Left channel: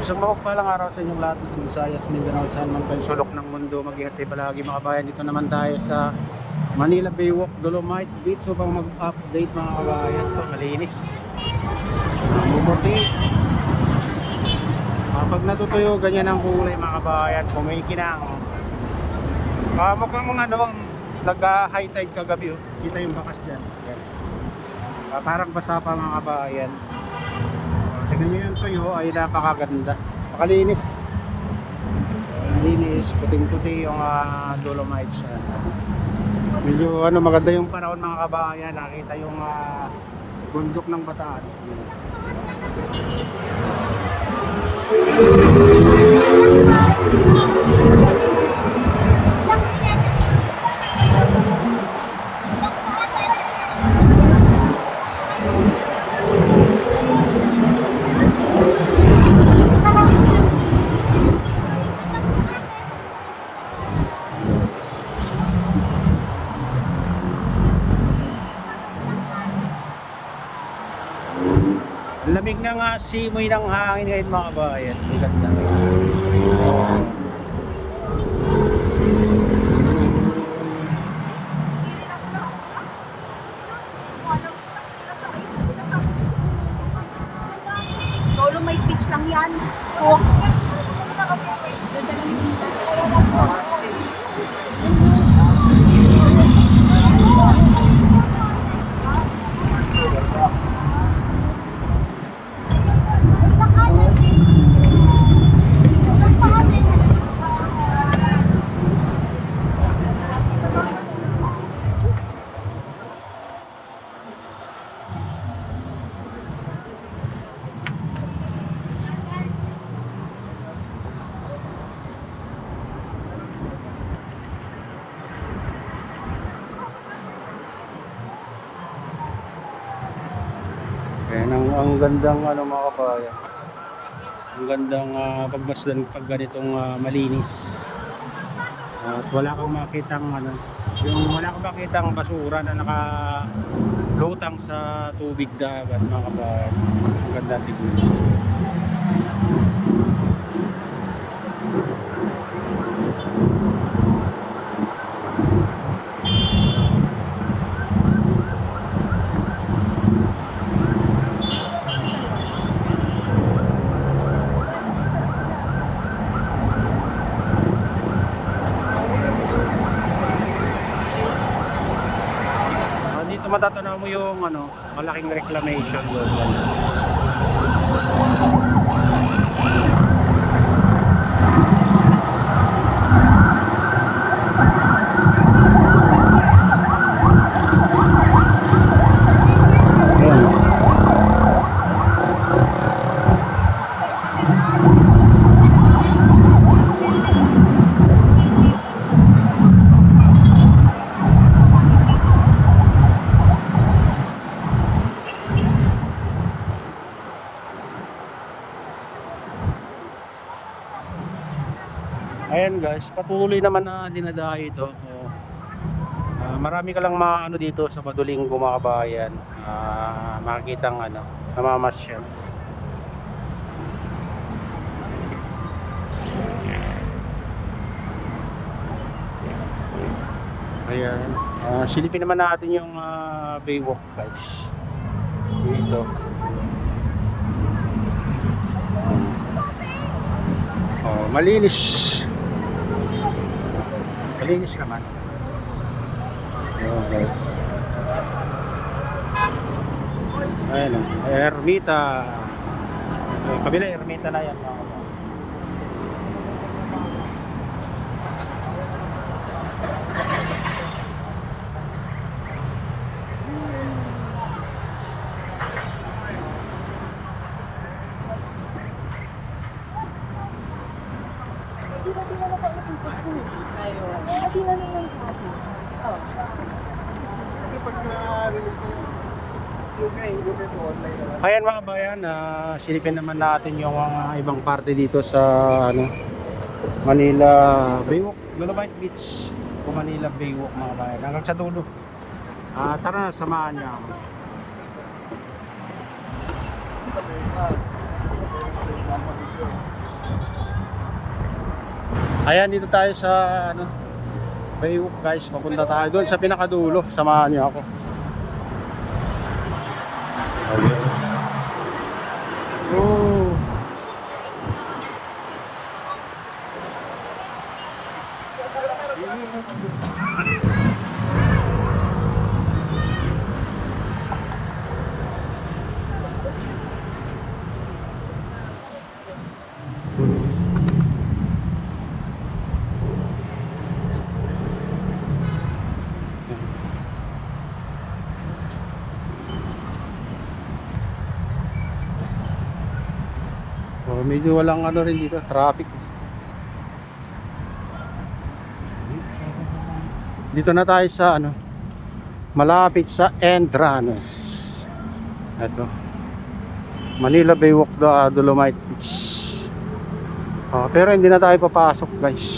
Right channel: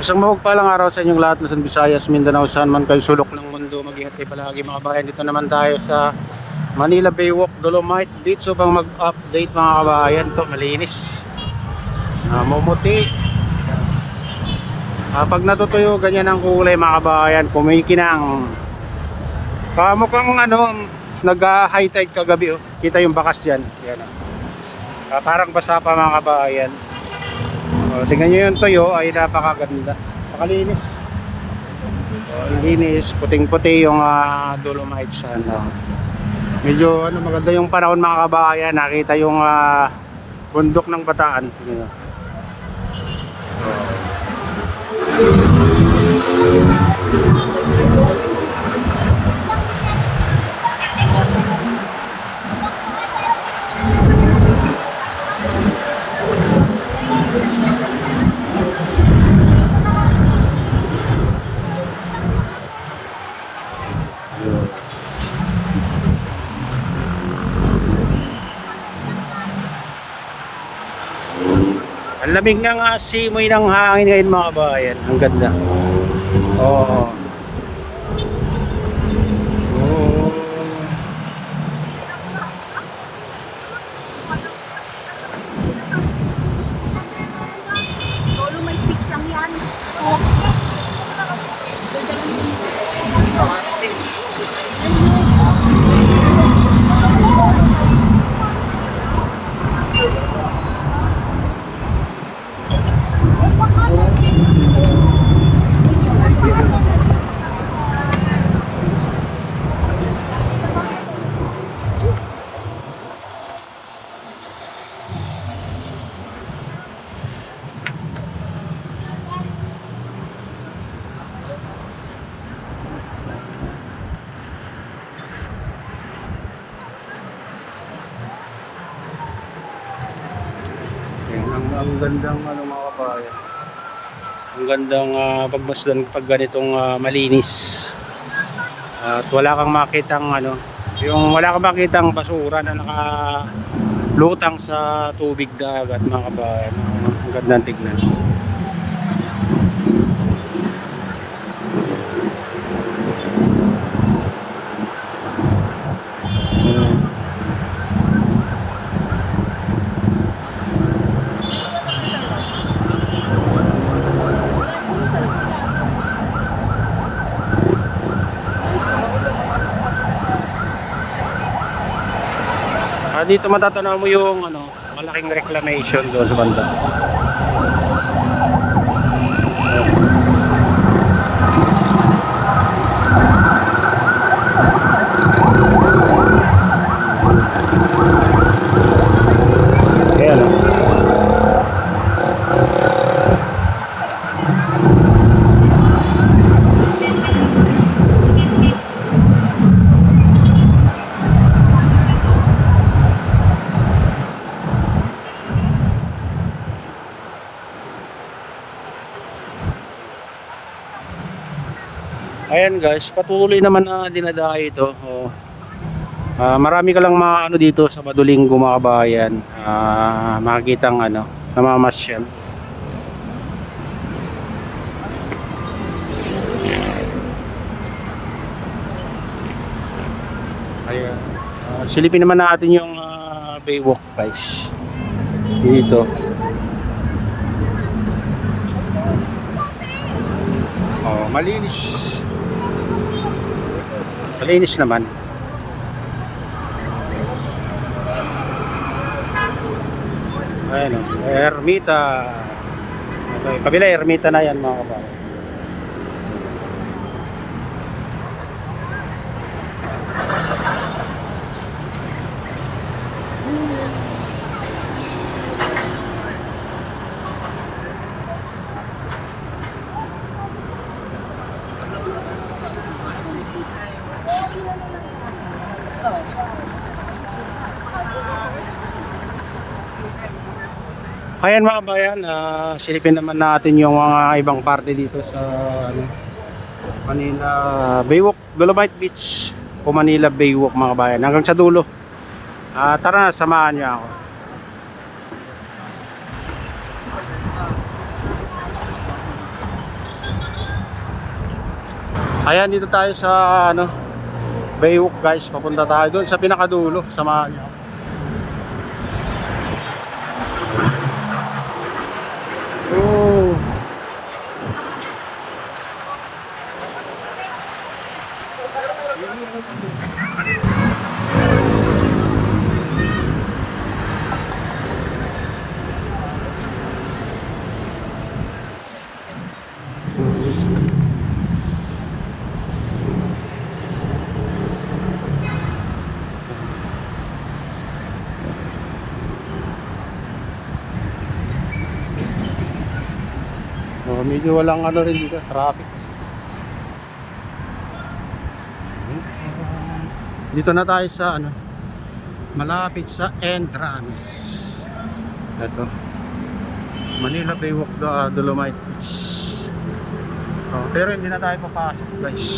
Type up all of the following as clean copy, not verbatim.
Isang mapagpalang araw sa inyong lahat, Luzon, Visayas, Mindanao, saan man kayo sulok ng mundo. Maghihintay palagi mga kabayan. Dito naman tayo sa Manila Baywalk, Dolomite Beach upang mag-update mga kabayan. Ito malinis, namumuti. Pag natutuyo, ganyan ang kulay mga kabayan. Kumikinang. Mukhang nag-high tide kagabi. Oh. Kita yung bakas dyan. Yan, parang basa pa mga kabayan. Tingnan nyo yung tuyo ay napakaganda, pakalinis. Linis, puting-puti yung Dolomite Sand. Medyo maganda yung panahon mga kabayan. Nakita yung bundok ng Bataan. Ang lamig ng simoy ng hangin ngayon mga kabayan. Ang ganda. Oo. Dolomite Beach lang yan. Oh. Ang gandang mga kabayan. Ang gandang pagmasdan pag ganitong malinis. At wala kang makitang wala kang makitang basura na nakalutang sa tubig dagat mga kabayan. Ang gandang tignan. Dito matatanaw mo yung malaking reclamation doon sa banda. Ayan guys, patuloy naman na dinadayo ito. Marami ka lang dito sa Badulinggo mga kabayan. Makikitang namamasyal. Ayan. Silipin naman natin yung Baywalk guys. Dito. Malinis. Malinis naman. Okay. Ayan Ermita. Kabila Ermita na yan mga kabayan. Ayan mga kabayan, silipin naman natin yung mga ibang parte dito sa Manila Baywalk, Dolomite Beach o Manila Baywalk mga kabayan, hanggang sa dulo. Tara na, samahan niyo ako. Ayan, dito tayo sa ano, Baywalk guys. Papunta tayo doon sa pinakadulo. Samahan niyo ako. Ayun. Oh. Oh, medyo walang ano rin dito, traffic. Dito na tayo sa ano, malapit sa Endranes. Ito. Manila Baywalk, Dolomite Beach. Oh, pero hindi na tayo papasok, guys.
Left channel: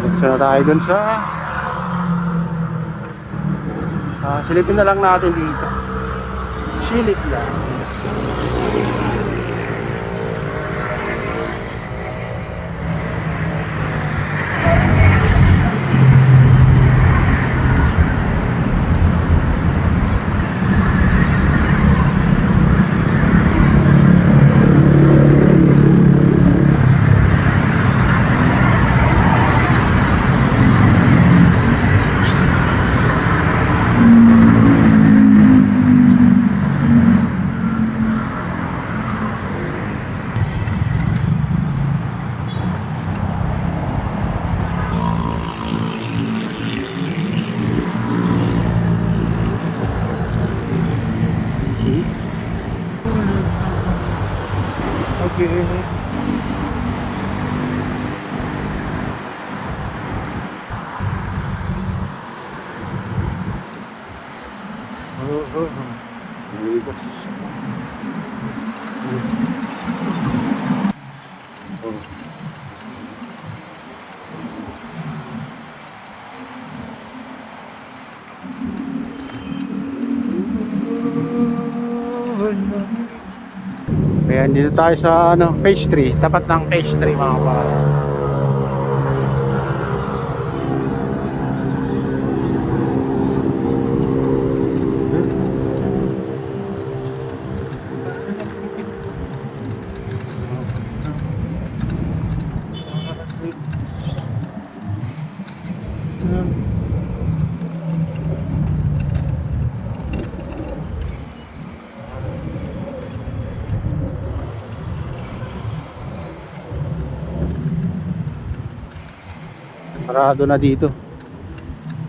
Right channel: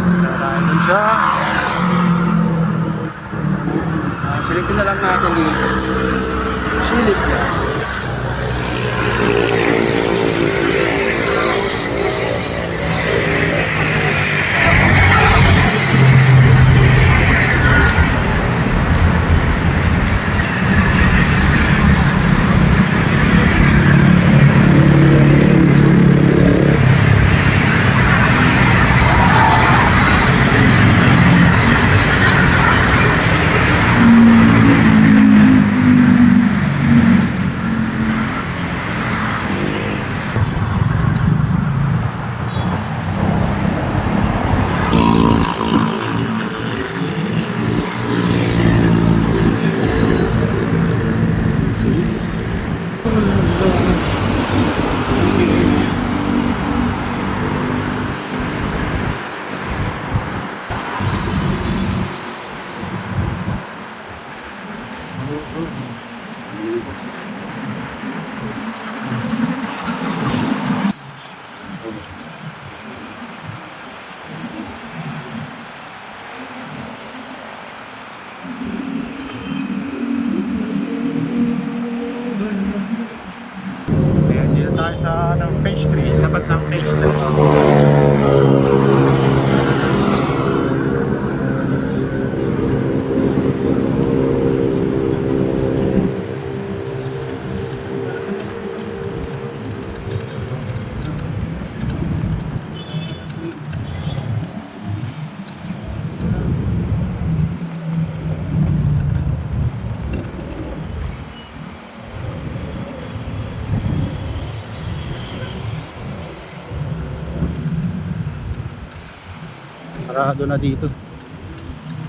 Next na tayo dun sa silipin na lang natin dito. Silip lang. Ayan, dito tayo sa ano, phase 3, tapat ng phase 3 mga kapatid. Sarado na dito.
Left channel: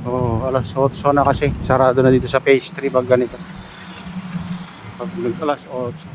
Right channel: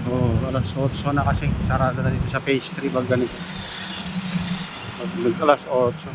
Oh, alas 8 na kasi. Sarado na dito sa phase 3 pag ganito. Pag alas 8.